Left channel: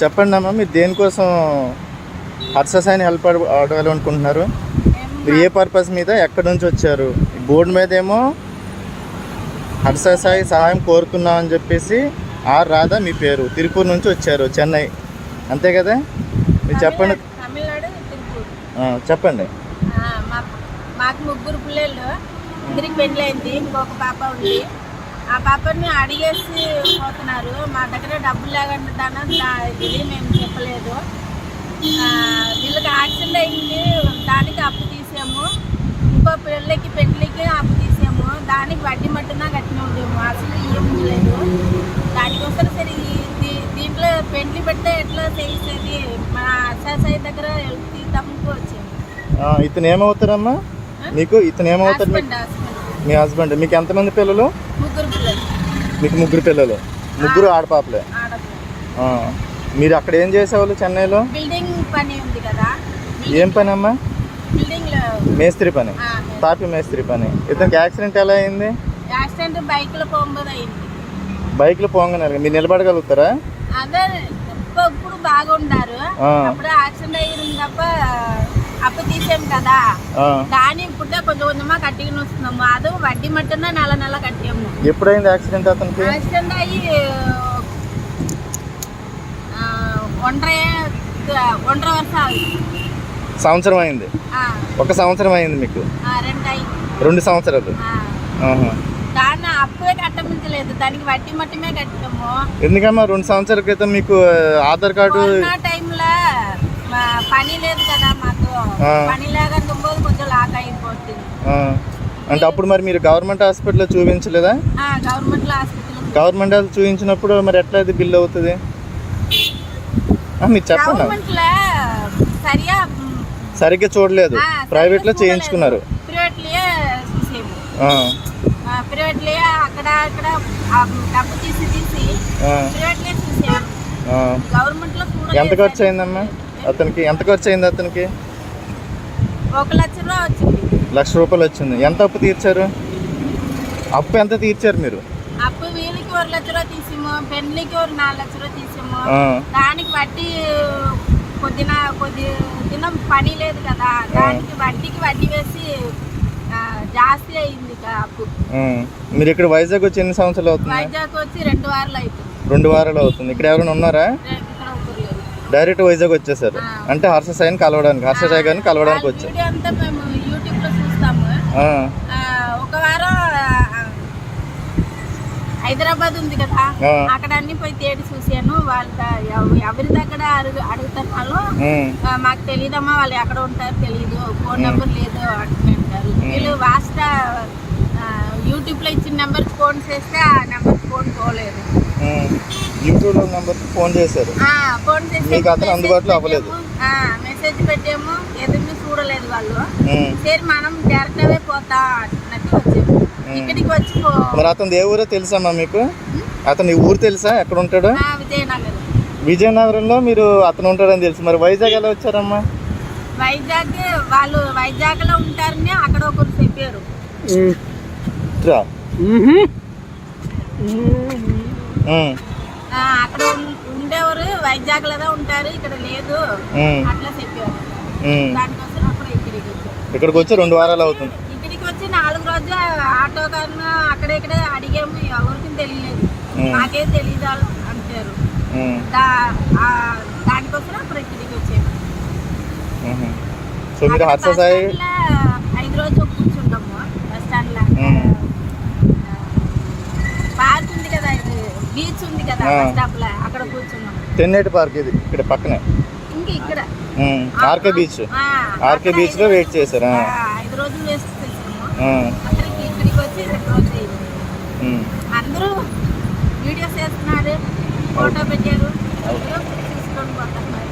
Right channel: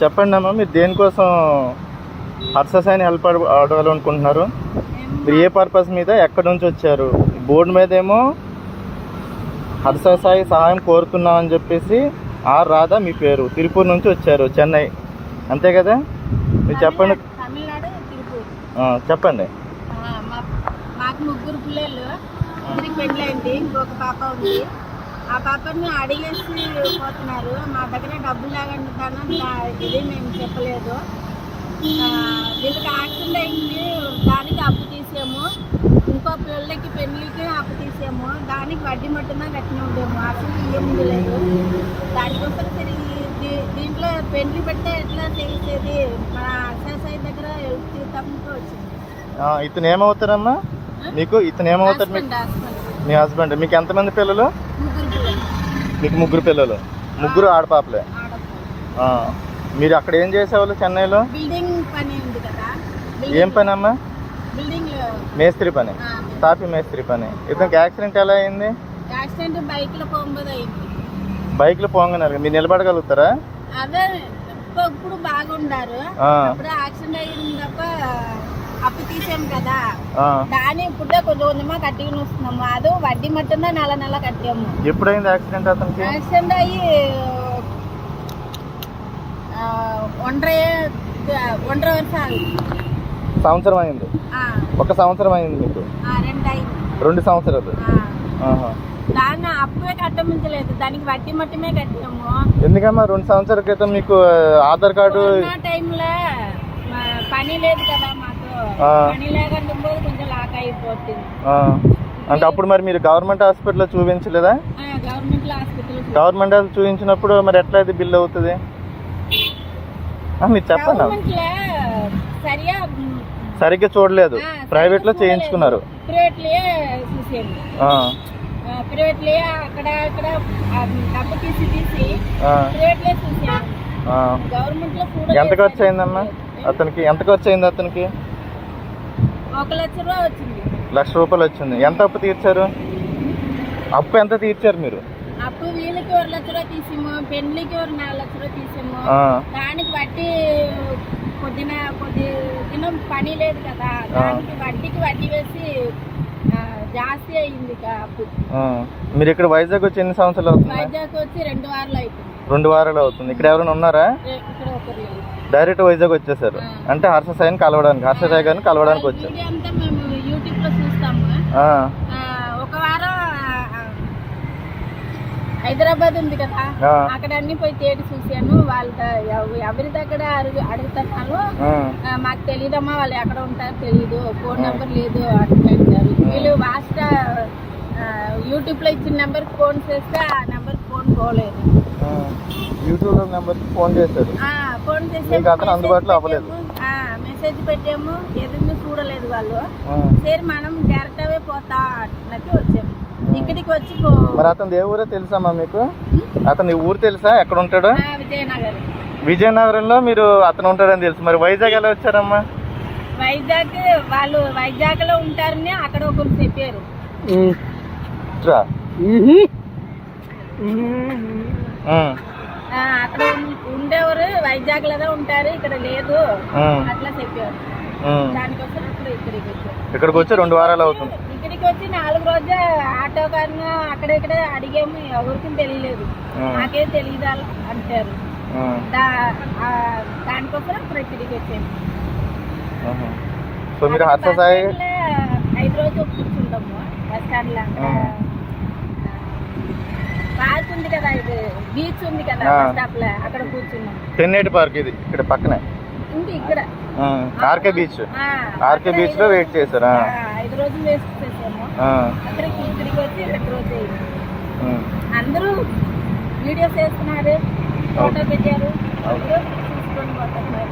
చెప్పండి అమ్మా, మీరు దేనికోసం హర్ష సాయిని హెల్ప్ అడగాలనుకుంటున్నారు? మీరు ఏ పర్పస్ మీద ఎక్కడి నుంచి వచ్చారు? బోర్డు మీద ఏమో హర్ష సాయి సహాయం కోరుతున్నాం అని చెప్పేసి ఆర్ రాధా మీ పేరు, తిరుపూర్ నుంచి వచ్చారు, చెన్నై, అంతే కదా? మీరు చెప్పండి. చెప్పండి. మాకు 3 పిల్లలు, 2 పెళ్ళైంది, ఇంకొక పాప ఉంది. ఆ పాపని అడిగేసి పోతున్నారు. మా దగ్గర డబ్బులు లేకుండా ఇది మేము చెప్పలేదు. వీళ్ళకి యాక్సిడెంట్ అయింది, దానికి అప్పు తీసాము. ఇంకో పిల్లలకి పెళ్ళికి అప్పు తీసాము. దానికి వడ్డీ మట్టున కట్టిన ఉండేము, అసలు ఏమి లేదు. దానికోసం సరే దీంట్లో పెళ్లి పెడితే ఎట్లా చేసేది, మన అక్షాసాయి దగ్గర తప్పుకు వచ్చింది. ఇతను ఏమవుతారమ్మా మీకు? ఇతను ఏమవుతారు? మీ హస్బెండ్. మీకు ఎంతమంది పిల్లలు? 3 పిల్లలు. మీకు 3 పిల్లలు, 3 ఆడపాపలే. మీరు అక్కడ ఏం చేసేవాళ్ళు చెన్నైలో? బిల్డింగ్ పని ఉంది కదా. ఏం పని అమ్మా? బిల్డింగ్ మేస్త్రి పని, తాపి మేస్త్రి పని. ఇతనికి యాక్సిడెంట్ ఎలా అయింది? యాక్సిడెంట్ బైక్ లో పోంగదు అయింది. బైక్ లో పోంగనారు. మీరు నిలబడగలుగుతారా? అదే ఇప్పుడు బాగుండారు. అప్పుడు యాక్సిడెంట్ అయ్యింది తప్ప అప్పు తీసాం కదా, దాని ఇప్పుడే కొంచెం కొంచెమా కట్టికి వస్తున్నాము. అది వడ్డీ మట్టున నెల కట్టాము. ఎప్పుడైంది యాక్సిడెంట్ అతనికి? యాక్సిడెంట్ అయ్యి 1.5 ವರ್ಷ సంవత్సరం అయింది. 1 సంవత్సరం అయింది మీకు? 2 సంవత్సరాలు. దాన్ని అప్పుడే కట్టమించలేదు, దానికి వడ్డీ మట్టమే కట్టాము. ఎందుకమ్మా 2 సంవత్సరాల క్రితం మీకు ఆధార్ కార్డు టైంలో పని లేదు కదా మాకు, పని లేకుండా కొంచెం లాక్ అయిపోతుంది. అంటే అప్పుడు మరి మీరు గవర్నమెంట్ హాస్పిటల్లో చూపించలేదా? గవర్నమెంట్ హాస్పిటల్ చూపించినప్పుడు మరి ఎట్లా ఇది బిల్ అవుతుంది? మీరు చెప్పండి. సరిగ్గా చూడలేదు, ప్రైవేట్ లో చేయించుకున్నారు. ఎంత ఖర్చు అయిందమ్మా అతనికి? ఎంత ఖర్చు అయింది అతనికి? 1 లక్ష రూపాయలు వచ్చింది. 1 లక్ష రూపాయలు వచ్చింది. ఎంత అప్పు తీర్చారు? అప్పు ఎంత తీర్చారు మీరు? అప్పు వీళ్ళకి 1 లక్ష రూపాయలు తీసాము, పెళ్లికి 4 లక్ష రూపాయలు తీసాము. దానికి వడ్డీ కొద్ది దినం పని లేదు కదా, దానికి వడ్డీ వేసి జాస్తి అయింది అప్పు. మీరు ఇక్కడ వైజాగ్ వచ్చి ఎన్ని సంవత్సరాలు అవుతుంది? వైజాగ్ వచ్చి 2 వారాలు అవుతుంది. 2 వారాలు అవుతుంది. ఇక్కడ ఎవరైనా ఉన్నారా? డైరెక్ట్ వైజాగ్ వచ్చేసారు అంటే హర్ష సాయిని కలవడానికి, హర్ష సాయి గారిని కలవడానికి వచ్చారు. యూట్యూబ్ లో చూస్తాము. ఒక వారం హైదరాబాద్ ఉంది కదా, అక్కడ అన్ని పోయి తేడి చూసాను. ఎవరి దగ్గర అడుగుతున్నాను, మాకు తెలియదమ్మా, వాళ్ళు ఎక్కడ ఉంటారో తెలియదు, ఫోన్ నెంబర్ లేదు అంటున్నారు. వీళ్ళు వాస్ట్ యూట్యూబ్ లో ఇచ్చిన నెంబర్ ఫోన్ చేస్తే ఆ నెంబర్ ఫోన్ పోలేదు. యూట్యూబ్ నెంబర్ ఫోన్ చేశారు, ఫోన్ చేసి అందుబాటులో అవ్వలేదు. మెసేజ్ పెట్టాము, ఎదురు చూడలేదు వాళ్ళు. సరే మనం డైరెక్ట్ అవే పోతా అన్నట్టు వచ్చాము. ఇక్కడికి వచ్చి మరి అతను ఏ ఊరో తెలుసమ్మా మీకు? అతను ఊరు తెలుసా? ఎక్కడ ఉంటాడు? విజయనగరం. విజయనగరంలో మీరు అతను ఉంటాడని తెలుసు. మరి వైజాగ్ ఎలా వచ్చారమ్మా? వైజాగ్ వాళ్ళు వైజాగ్ లో ఉంటారని అక్కడ ఒకరు చెప్పారు. అక్కడ ఉండేవారు వైజాగ్ లో ఉంటారు, ఇక్కడ లేదు అట్లా చెప్పారు. దానికోసం అప్పుడు ఇక్కడికి వచ్చి 2 వారాలు అవుతుంది. ఇక్కడికి వచ్చి 4 రోజులు ఆటో కన్నా అక్కడెక్కడే అడిగాము, ఎవరికి తెలియలేదు, నాకేం తెలియదు అంటారు. దానికోసం అప్పుడు ఇక్కడికి వచ్చాము. సో మీరు హర్ష సాయి 5 రోజులు కూర్చుంటాము బస్ స్టాండ్ లో. పార్క్ ఉంది కదా, ఇది బీచ్ ఉంది కదా బస్ స్టాప్ లో, అక్కడ కూర్చున్నాం. తెన్నేటి పార్క్ ఇది ఇక్కడ పక్కనే. ఇంకా ఇక్కడ ఆర్కే బీచ్, ఆర్కే బీచ్ లో వెయిట్ చేశారా? 5 రోజులు వేస్ట్ చేసాము. ఇక్కడికి వచ్చి 2 రోజులు అయింది. అందరూ వీడియోస్ వేస్తున్నారు, ఫోటో పెట్టారు, తీసుకొని పోతున్నారు.